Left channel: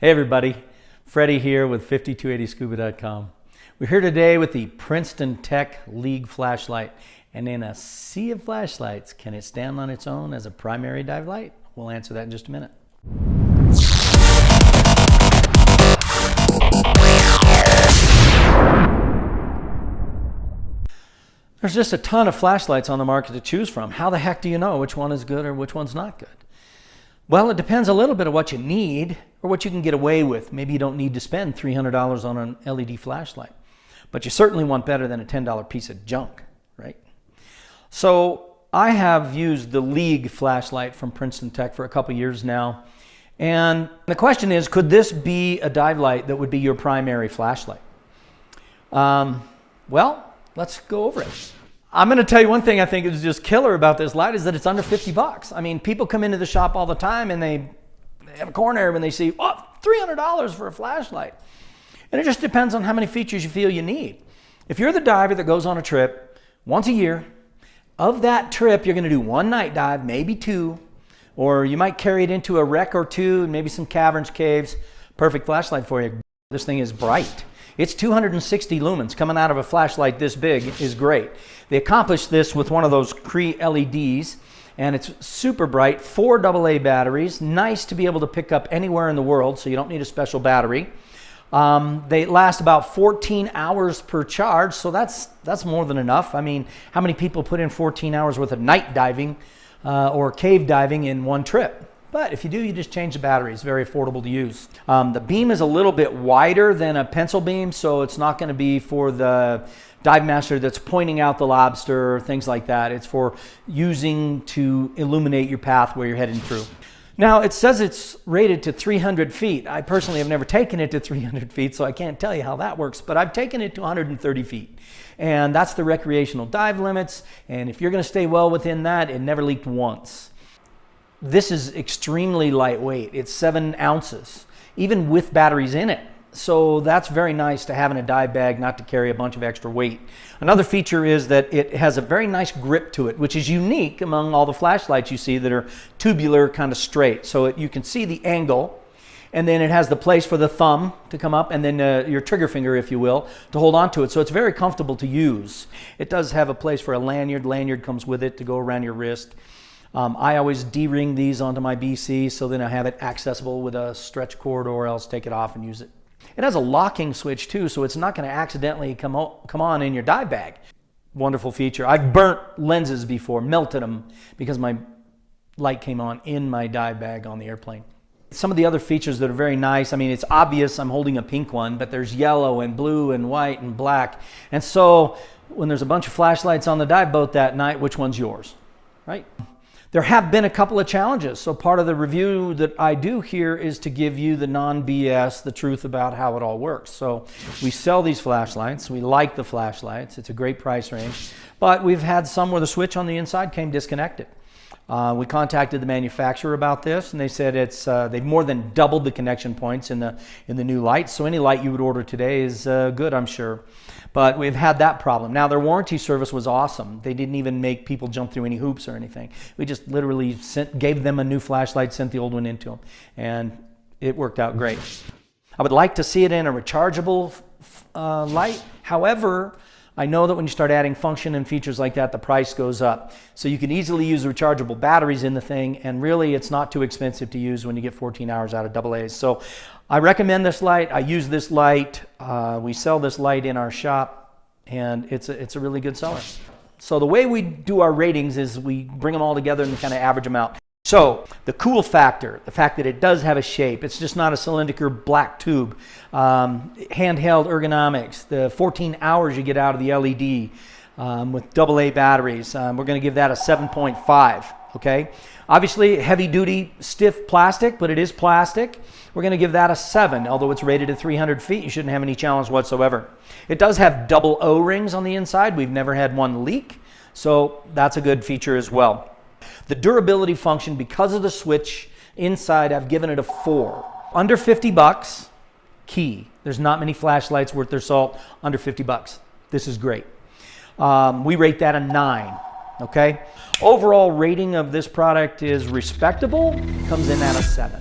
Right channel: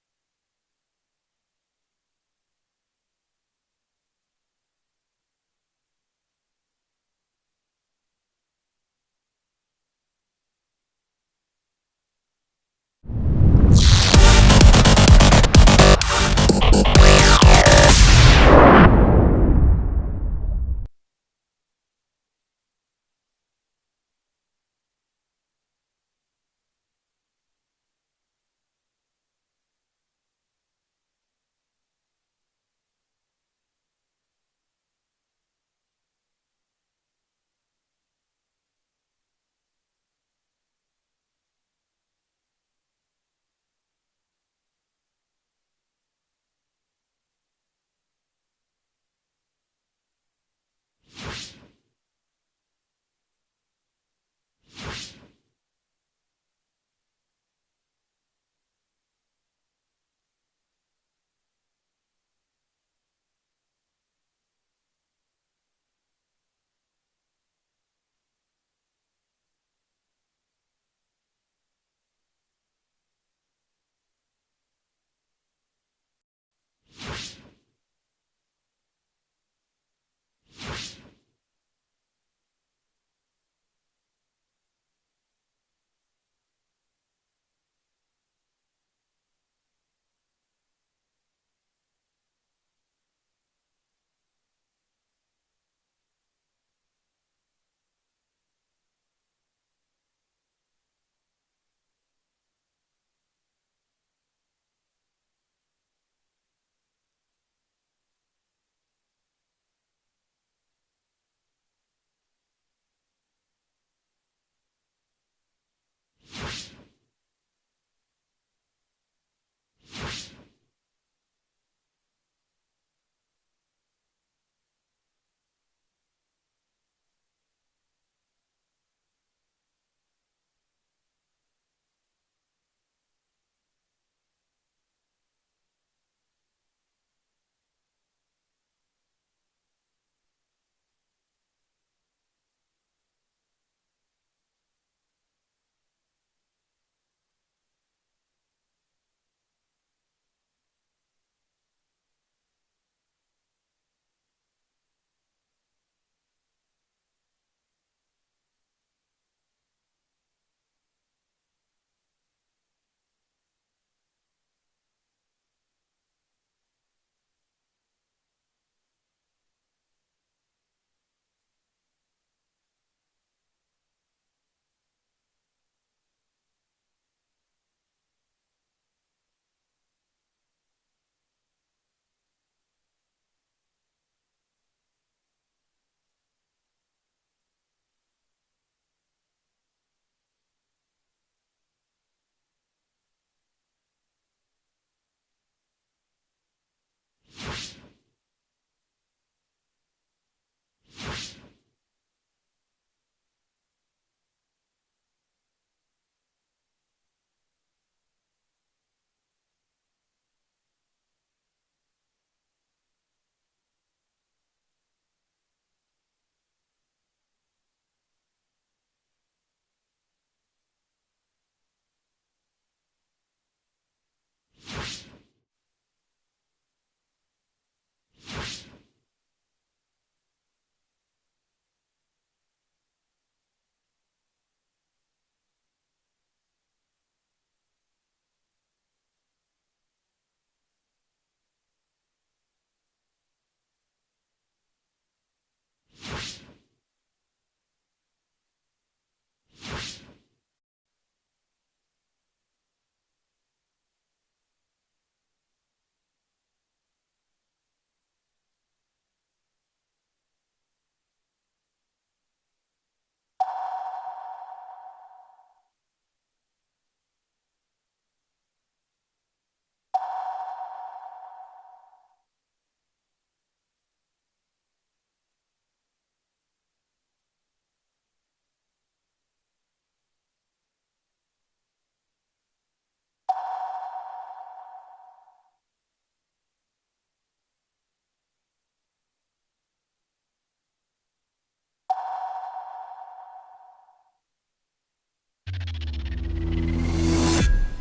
Hey everybody, Freddy here with 5280scuba.com. We're here today with the Princeton Tec League flashlight. And in a sea of flashlights, can it stand on its own as a primary dive light? We'll answer that in just a minute. There's just a ton of flashlights on the market to choose from. How the heck do you know which one is good or which one's not good? Well, it depends a little bit on what you need or what you can get away with. Maybe you don't need to spend $300 on an LED flashlight, but you certainly want better than a $10 piece of junk, right? So I have used the League flashlight from Princeton Tec for a couple years now. And the question is, could this be a dive light that would be your primary flashlight? Well, let's go over it. I'm going to tell you one thing I think is just killer about this light is that it's under 50 bucks. I mean, people come into the shop all the time and they have a corner when they see, oh, $300 for a flashlight. And it just depends on how many features you feel you need. If you're the diver that goes on a trip once a year, of that trip, you're going to do one night dive, maybe two, or you might carry it into a wreck or two, maybe some caverns, caves. Perfect flashlight for you. This thing is bright. It's 260 lumens. Coming out of a flashlight this big is great. They accomplished this with one of those Cree LEDs, and it's super bright. 4 AA batteries. Nice to be able to pick up anywhere in the world, so you don't need a special battery. They last about 14 hours per charge, so that's more than enough. I mean, how many people put in 14 hours worth of night diving or cave diving in one trip? But if you do, you just change the battery. It's very affordable to use. The beam is a little bit wider than a pencil beam, so it's not going to be for the dive master that's pointing out the lobster or things like that. It's for using to illuminate your path where you're heading through. Now, it says it's rated to 300 feet. I personally have never taken it to 300 feet, so I can't tell you how that works, but I've taken it to 130 feet. And that's the recreational dive limits, and if you're going to stay well within that, it never leaked once. This is extremely lightweight. It's 7 ounces, even with batteries in it. So that's very nice to have in a dive bag, not to carry a bunch of extra weight. Another feature is that it has a very nice grip to it, which is unique among all the flashlights you see that are tubular, kind of straight. So you can see the angle, and then it has the place for the thumb to come up, and then your trigger finger, if you will, to hold on to it. So it's very comfortable to use. It does have a place for a lanyard. Lanyard comes with it to go around your wrist. I always D-ring these onto my BC, so then I have it accessible with a stretch cord, or else take it off and use it. It has a locking switch too, so it's not going to accidentally come on in your dive bag. Wonderful feature. I've burnt lenses before, melted them, because my light came on in my dive bag on the airplane. Some of the other features that are very nice, I mean, it's obvious I'm holding a pink one, but there's yellow and blue and white and black. And so when there's a bunch of flashlights on the dive boat that night, which one's yours, right? There have been a couple of challenges. So part of the review that I do here is to give you the non-BS, the truth about how it all works. So we sell these flashlights. We like the flashlights. It's a great price range. But we've had some where the switch on the inside came disconnected. We contacted the manufacturer about this, and they said they've more than doubled the connection points in the new light. So any light you would order today is good, I'm sure. But we've had that problem. Now, their warranty service was awesome. They didn't even make people jump through any hoops or anything. We just literally gave them a new flashlight, sent the old one into them, and it worked out great. I would like to see it in a rechargeable light. However, I know that when you start adding function and features like that, the price goes up. So you can easily use rechargeable batteries in the thing, and really it's not too expensive to use when you get 14 hours out of AA's. So I recommend this light. I use this light. We sell this light in our shop, and it's a really good seller. So the way we do our ratings is we bring them all together and kind of average them out. So the cool factor, the fact that it does have a shape, it's just not a cylindrical black tube. Handheld ergonomics, the 14 hours you get out of the LED with AA batteries, we're going to give that a 7.5, okay? Obviously, heavy-duty, stiff plastic, but it is plastic. We're going to give that a 7. Although it's rated at 300 feet, you shouldn't have any challenge whatsoever. It does have double O-rings on the inside. We've never had one leak, so that's a good feature as well. The durability function, because of the switch inside, I've given it a 4. Under 50 bucks, key. There's not many flashlights worth their salt under 50 bucks. This is great. We rate that a 9. Okay? Overall rating of this product is respectable, comes in at a 7.